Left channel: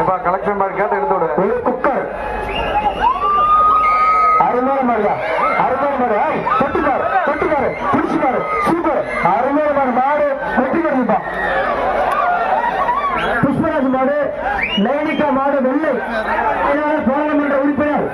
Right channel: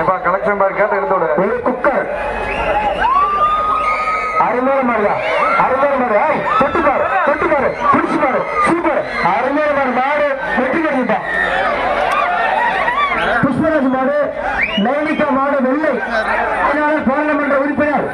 எப்பா கலெக்ஷன் மாதிரி கேட்டு எடுத்து விடு. ஒரு குக்கர். அறுநூறு மாடுதா அறுநூறு மாடு. ஆய் தொட்டு பாரு தொட்டு பாரு. பிடிச்சு பாரு. சூப்பர். அறுநூறு மாடு மாடு. வெட்டி கிடைப்பா புஷ்பராஜ் மாடு நயனிகா மாடு வெள்ளை. இதனால் பாராளுமன்ற உறுப்பினர்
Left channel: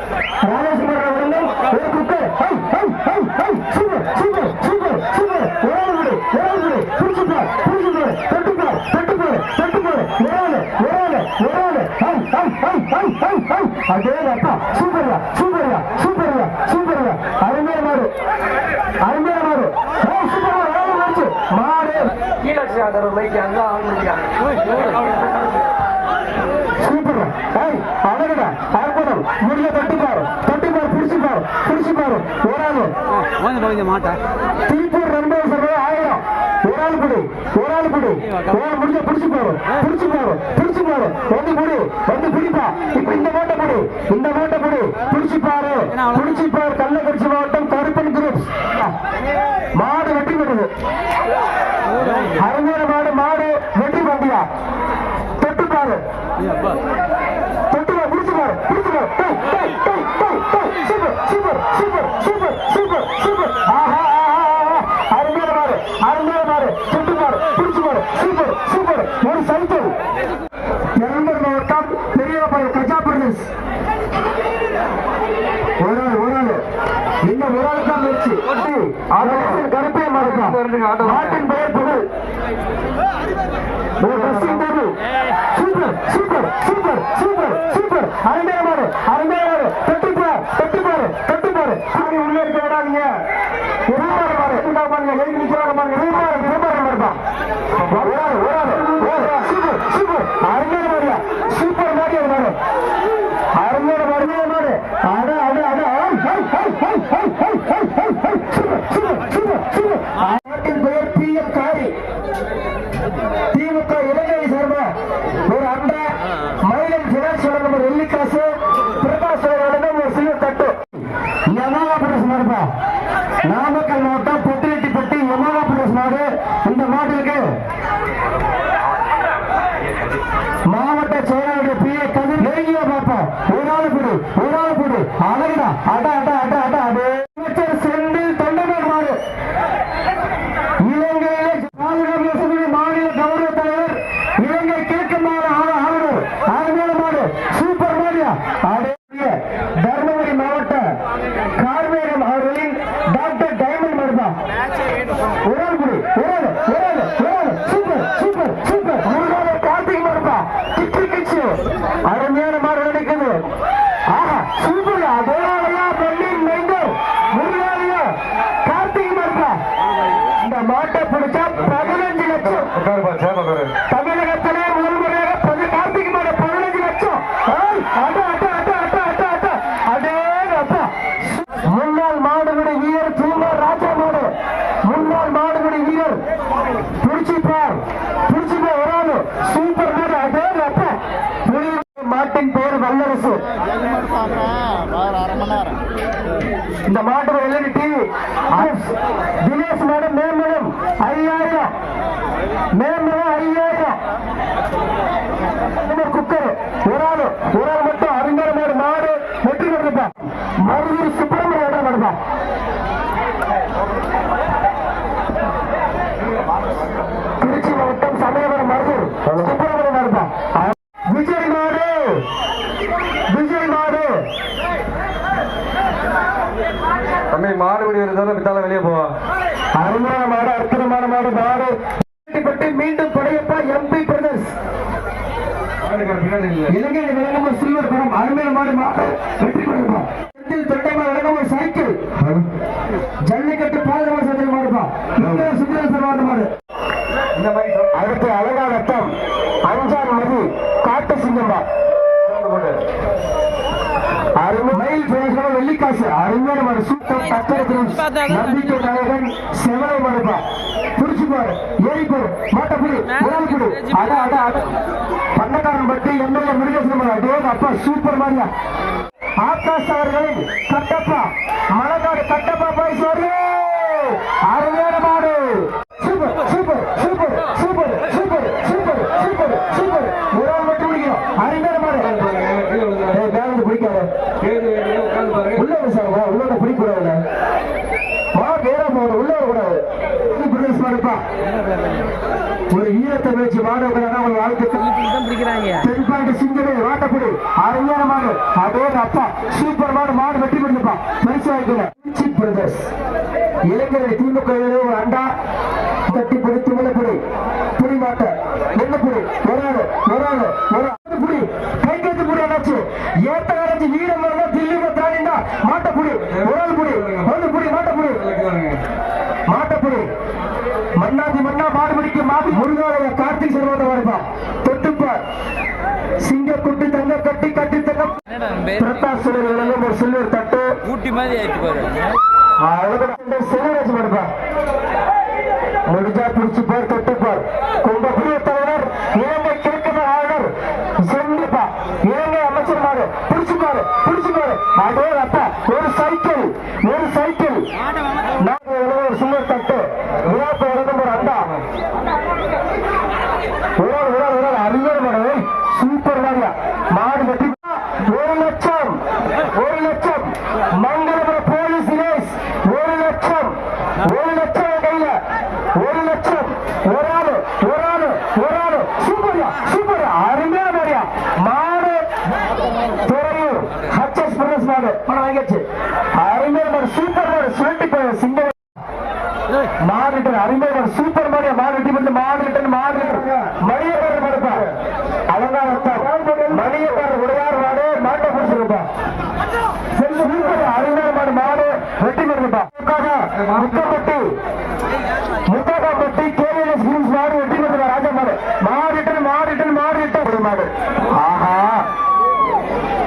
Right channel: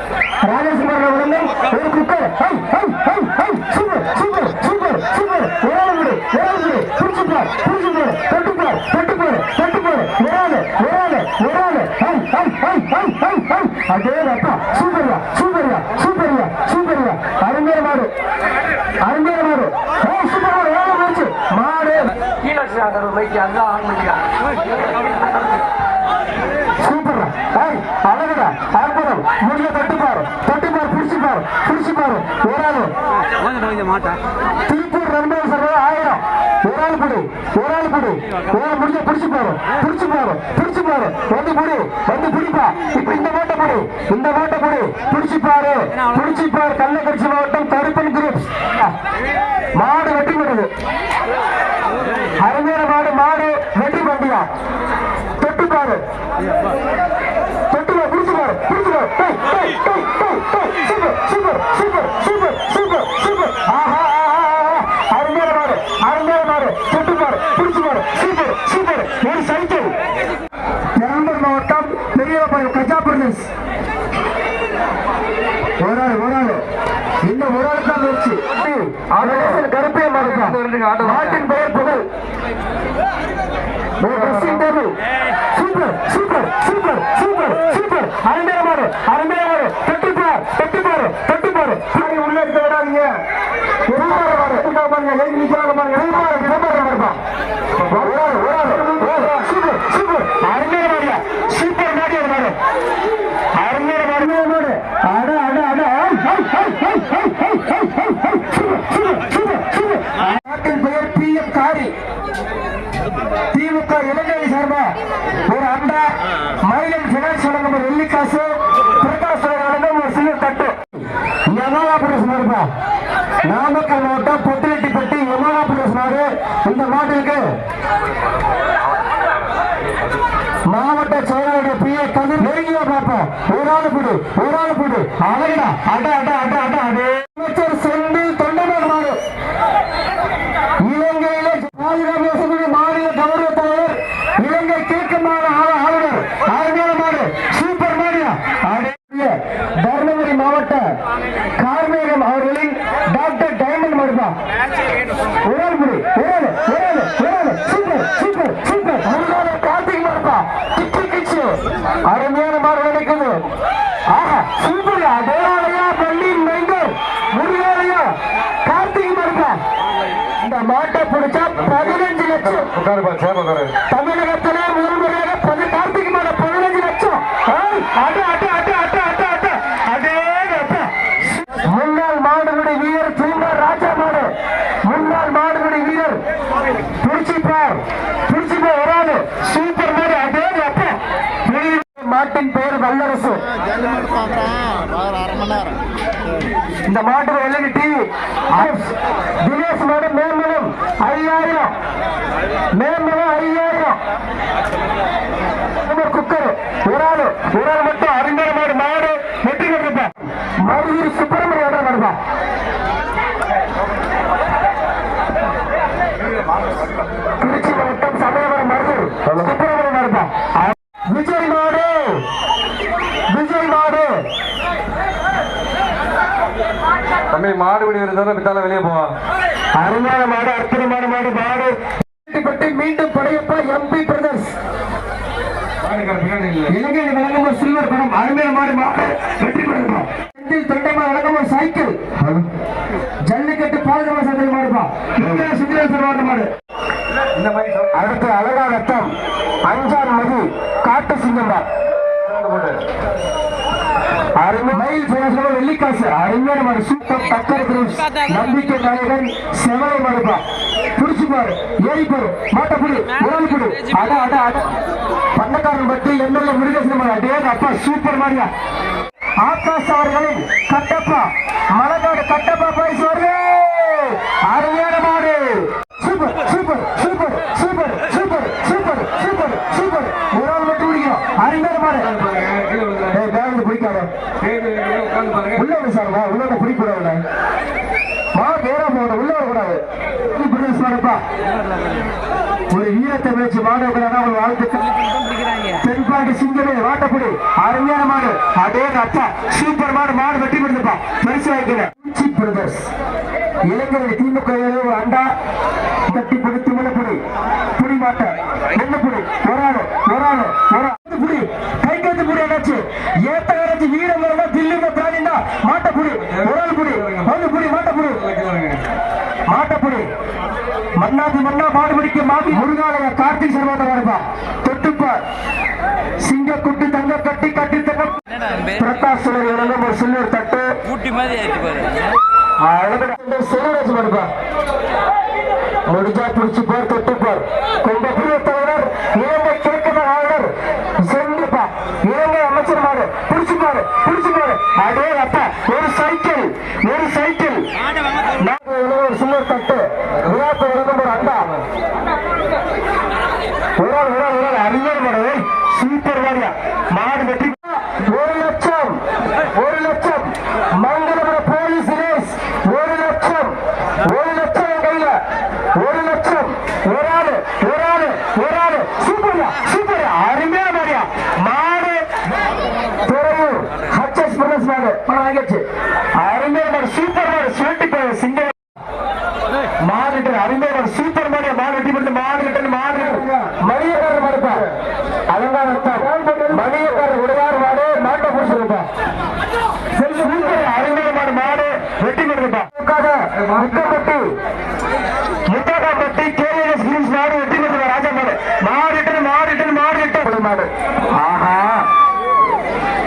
ராஜேஷ்குமார் அவர்களும் ஒரு குக்கர் ஐய் ஐய் ஐய் ஐய் சூப்பர் சூப்பர் சூப்பர் சூப்பர் ஓடாது விடு ஓடாது விடு பிடிச்சு பார் பிடிச்சு பார் தொட்டு பார் தொட்டு பார் தொட்டு பார் ஓடாது ஓடாது ஓடாது ஐய் ஐய் ஐய் ஐய் ஐய் ஐய் அதே அப்பா சூப்பர்யா சூப்பர்யா சூப்பர்யா சூப்பர்யா அருமையான மாடு அருமையான மாடு ஏய் சூப்பர் மாடு ஓட போச்சு மாடு சூப்பர்ரா ஏய் அழகுடா. அற்புதம் முடிய தட்டுப்பாரு. தட்டுப்பாரு பிடிச்சுப்பாரு. பிடிச்சுப்பாரு. ஓடாது. திருப்பூர் ரெண்டாயிரம் சர்வே ஆயிரம். ஒரு ஆள் குடி. ஒரு ஆள் குடி. ஒரு ஆள் முடிஞ்ச பிடிச்சு பாரு பிடிச்சு பாரு பிடிச்சு பாரு வந்து குடி. வந்து பிடிப்பா. இப்ப இந்த மாட்டை குடி. இந்த மாட்டை குடி. பிடிச்சு பாரு பிடிச்சு பாரு கள்ளக்குறிச்சி மாவட்டம் கருப்பன் குரூப் மாடு வெட்டி விடுது அருமையான மாடு மாடு வெட்டி பண்டியா தொட்டு பாரு. தொட்டு பாரு. பிடிச்சு பாரு. பிடிச்சு பாரு டேய், டேய், டேய், super super super super super super ஆஹா அருமையான மாடு அருமையான மாடு. தொட்டு பாரு. பிடிச்சு பாரு. சூப்பர் சூப்பர் ஒரு சைக்கிள் பெரம்பலூர் மாவட்டம் பெரியபுரம் கஜா பிரதேஷ் ஒரு ஆள் ஒரு ஆள் இந்த ஒரு ஆள் தான் முயற்சி கருப்பே மாடு மாட்டின் பெயர் புகழ் ஒரு dressing table super super super super super அருமையான திமுக இலங்கை சார்பா ஒரு அண்டா மயிலம் பினான்ஸ் வழங்கும் ஒரு வெள்ளிக்காசு பிரகாஷ் வழங்கும் ஒரு சின்ன தட்டு. யமகா சார்பா நாமக்கல் மாவட்டம் பொட்டிரெட்டிப்பட்டி யமகா புரஸ் மாடு. இந்த மாட்டிற்கு மாவட்ட செயலாளர் பி ஏ கதிர். நெருங்கிய பாப்பா ஒரு ஆள் கொடு ஒரு ஆள் கொடு. அழகுடா அட அட அமைச்சர் செந்தில் தொண்டமான் மாடு இலங்கையிலே பாதுகாப்பு வசதி மாநில கௌரவ தலைவர் இலங்கை கிழக்குமாறு ஆளுநர் அருமையான மாடு சூப்பர் மாடியா அடங்கிய தர்மபுரி மாவட்ட கார்மேகம் அவர்களின் டாக்டர் டைமண்ட் மாடுபா ஒரு குடி ஒரு ஒரு ஒரு சூப்பர் சூப்பர் சூப்பர் முருகான கார்த்திக் மாடுபா கிச்சி கிச்சி அருமையான மாடு நினைக்குது ஆஹா சூப்பர். தேவாலயா பள்ளி மைந்தர். முருகாலயா கார்த்திக் மாடுபா இந்த மாட்டை பிடிச்சா பதினஞ்சு லட்சம். உட்காருப்பா சேர் உட்காரு தமிழகத்திலே முதல் முறையாக பதி கார்த்திகை மாத பதினஞ்சு லட்சம் ஏய், அட, அட, அட, அட, அட, அட. அடே அப்பா. முன்னாள் மாடுபிடி வீரர் தூங்கர் ராஜா மாடு முன்னாள் மாடுபிடி வீரர் பிடிச்சிப்பார் பிடிச்சிப்பார் வராது சூப்பர் மாடு அதே அப்பா புலி மாட்டின் பெயர் வல்லரசு அரை மணி நேரம் இந்த மாட்டு எல்இடி தினேஷ் மாடு மேம்பலம் ஐயாயிரம். மேம்பலம் ஐயாயிரம். குக்கர் ஒரு ஆளு ஒரு ஆள் மட்டும் அறிஞர் மாடு மாடு வெற்றி பெற்றிருப்பா மருதூர் சுப்பர் இடம் வருவா திருச்சி மாவட்டம் சமயபுரம் மருதூர் சுப்பிரமணியம் வருவா விஜய் மாடு விஜய் மாடு தம்பி மாடுபிடி இருந்தாலும் விட்டால வெளியே போவா. அருமையான மாடு அற்புதமான மாடு மாடு பட்டி மீண்டும் படையப்பா எம்பி பிரதர்ஸ் இலங்கையில் வழங்கும் ஒரு சில்வர் படம். அருமையான மாடு வெற்றி பெறுமா செந்தில் தொண்டமா வழங்கும் ஒரு சைக்கிள். மயில் போன வெள்ளிக்காசு. அறிஞர் மாடு சூப்பர் பத்தர் குரூப்ஸ் நம்பிக்கை தலைவன் செவலை மாடுப்பா புடிச்சு பாரு. ஏறி பாரு மாட்ட புடி. உடல் புடி. அட அட அட. பண்ணக்காரன் பத்தி எம்எல்ஏ முருகேசன் மாடு அப்பா சூப்பர் மாதிரியா ஆகாஷ் அவர்களை கட்டப்பா. மலக்காடு கட்டப்பா பாய்ஸ் உள்ள விசாரணை உள்ள பிடிக்கூடாதுல. வா நேரா போகணும் உள்ள வரக்கூடாது விசாரிப்பா ஒரு ஈரத்தை வச்சு வாடகை ஒரு வாழ்க்கை தென்பாண்டி சிங்கமே வாட்டப்படி அருமையான மாடு. அதே அப்பா. சூப்பர் மாடு மாடு வெட்டி கொடுத்துப்பா பரிசு வாங்கிக்கல பிரதர்ஸ் இளைஞர்கள் திமுக அண்டா. கட்டி பிடித்து முன்னப்புடி. புடி மாட்ட. என்ன புடி ஒரு ஆளு ஒரு ஆளு ஒரு ஆளு புடி கை கட்டு புடி என்னாச்சு ஏத்த வரைச்சு வீரம் வரதா தில்லி தாண்டிண்டா மாட்ட புடி ஒரு ஆள் புடி வந்து புடி மாட்ட புடி மாட்டப்புடி மன்னாதி மன்னா மாடு பிடிக்க மாடி முருகாலய கார்த்திக் சர்வாத வருதா தொட்டுப்ப சிங்க குட்டி தங்க கட்டி கட்டி தங்க பிரகாஷ் சுடர் இளங்கம் ஒரு சில்வர் தட்டு. ஊட்டி மாதிரி சிவராஜ் வருதா முடிஞ்சா பிடிச்சு பார் தொட்டு பார் கொண்ட புரிய தலைவர் இலங்கை கிழக்கு ஆளுநர் சிறந்தப்பா இலங்கை அமைச்சர் அதே அப்பா ஒரு சைக்கிள் ஒரு சைக்கிள் நாங்க ஒரு சில்வர் தட்டு விழாக்கு வழங்கும் ஒரு அண்டா உடல் உடல் உடல் அறிஞர் மாடு சூப்பர் மாடியா மாடு வெட்டி ஒரு லட்சம் ஒரு லட்சம் மங்களபுரம் போலீஸ் தினேஷ் ஒரு லட்சம் ஒரு லட்சம் என் கையில ஒரு லட்சம் ஒரு ஆளு ஒரு ஆளு ஒரு ஆளு சூப்பர்யா சூப்பர் அருமையா மாடியா மாடு துறையூர் ஹச்எஸ் பிரதேஷ் மாடு பணம் சூப்பர் மாடு சூப்பர் மாடு பண்ணி மாடு ரிட்டன் மணியக்காரர் மாடுப்பா மணியக்காரர் விடுவார் மாடு மாட்டை பிடிச்சிருப்பா மாடு மாடு வெட்டி பண்ணுப்பா முட்டப்பட்டு முட்டப்பட்டு கேஎஸ் மாடு வெட்டி ராஜா மாடு. மாடு ஆஹா.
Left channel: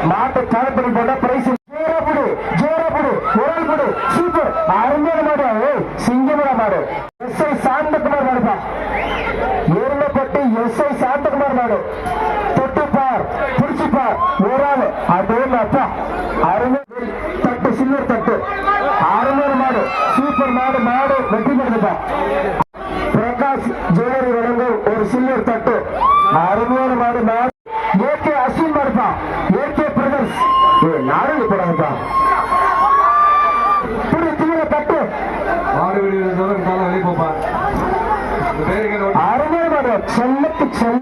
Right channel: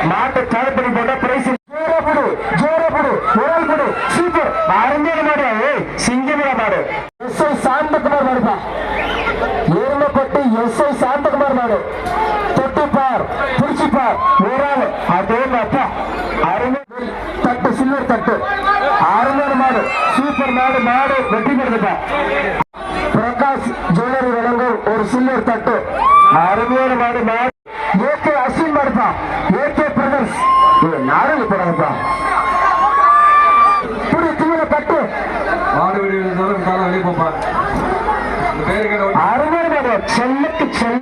மாட்டை கால்படி போட்டா பிரைஸ் ஜோரப்புடு ஜோரப்புடு உரல் புடு சூப்பர் அருமையான மாடு ஏய் சிங்கமர மாடு எஸ் ஐ சாந்தகுமார் மாடுப்பா ஏர்மப்பட்டு எஸ் ஐ சாந்தகுமார் மாடு தொட்டுப்பார் பிடிச்சிப்பார் உரால் அதே அப்பா அருமை தட்டு சில்வர் தட்டு அருமையான மாடு சூப்பர் மாடு மாடு வெட்டி மாடுப்பா பிரகாஷ் ஜுவல்லரி வழங்கும் ஒரு சில்வர் தட்டு அருமையான மாடு